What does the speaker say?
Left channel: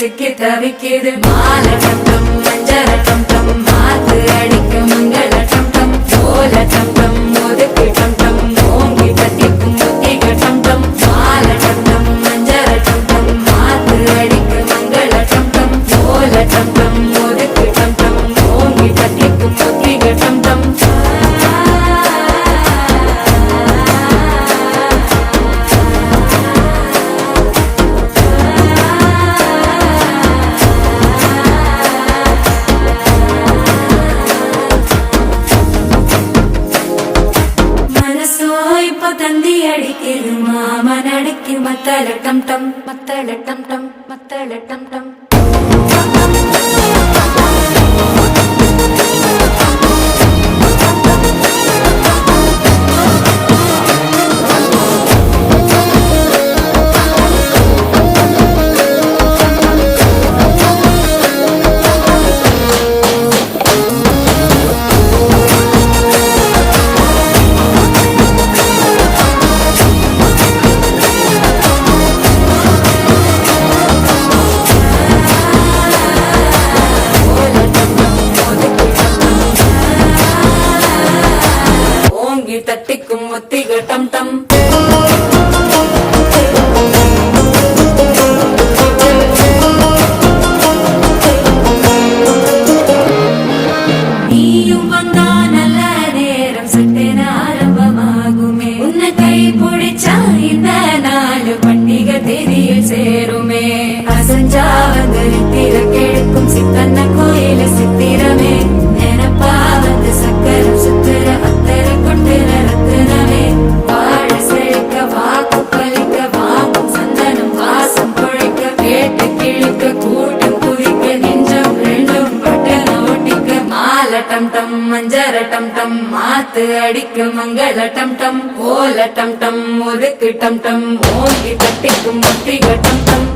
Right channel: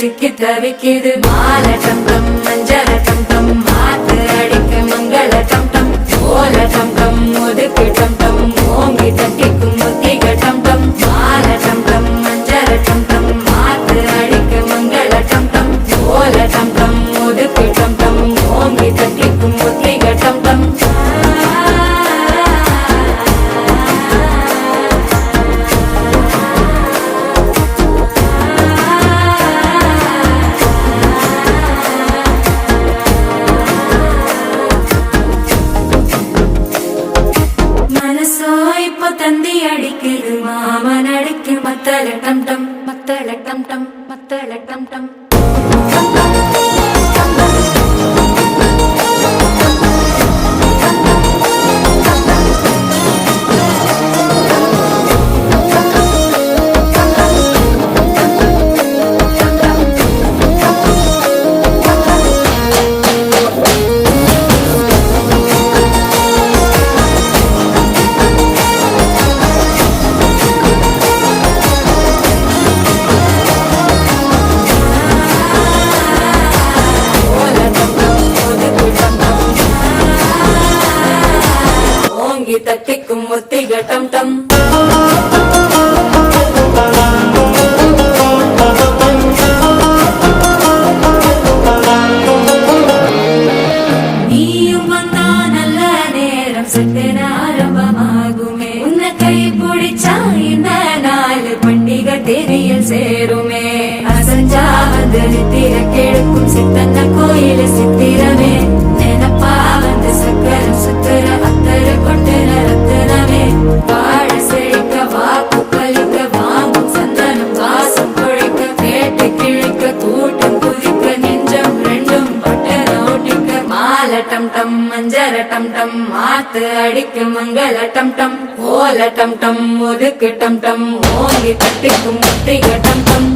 சிக்கி தவிக்குது மால டம் டம் மஞ்சள டம் டம் மாத்து அடிக்க மங்கள டம் டம் ஓல டம் டம் ஒதுக்கு டம் டம் ஓங்கி தட்டிக்கும் புத்திக டம் டம் மால டம் டம் மஞ்சள டம் டம் மாத்து அடிக்க மங்கள டம் டம் ஓல டம் டம் ஒதுக்கு டம் டம் ஓங்கி தட்டிக்கும் புத்திக டம் டம் தந்தி அடிக்குது மாமன் அடிக்கு மத்தள டம் டம் மத்தள டம் டம் மத்தள டம் டம் தட்டிக்கும் ஒத்திக டம் டம் நீயும் வந்தா நல்ல நேரம் சட்டென ஆரம்பமாகுமே உன்னை கை பிடிச்சா இந்த நாள் பண்டிகை தேதியில் சேருமே அசஞ்சா வந்து நித்திர கெடுக்கும் சித்தன்ன கோயில சித்திரமே நினப்பா வந்து சக்கர சுத்திர அத்தர கொண்டு நடத்துனவே வாழ செழிக்க வாக்கு பலிக்க வாங்கும் சந்தனம் வாசம் பொழைக்க கேட்டு கிழிக்க கூட்டம் குதிக்க நெஞ்சம் ரெண்டும் பட்டன ஒட்டிக்க மால டம் டம் மஞ்சர டம் டம் மாத்து அடிக்க மங்கள டம் டம் கோல டம் டம் ஒதுக்கு டம் டம் ஓங்கி தட்டிக்கும் ஒத்திக டம் டம்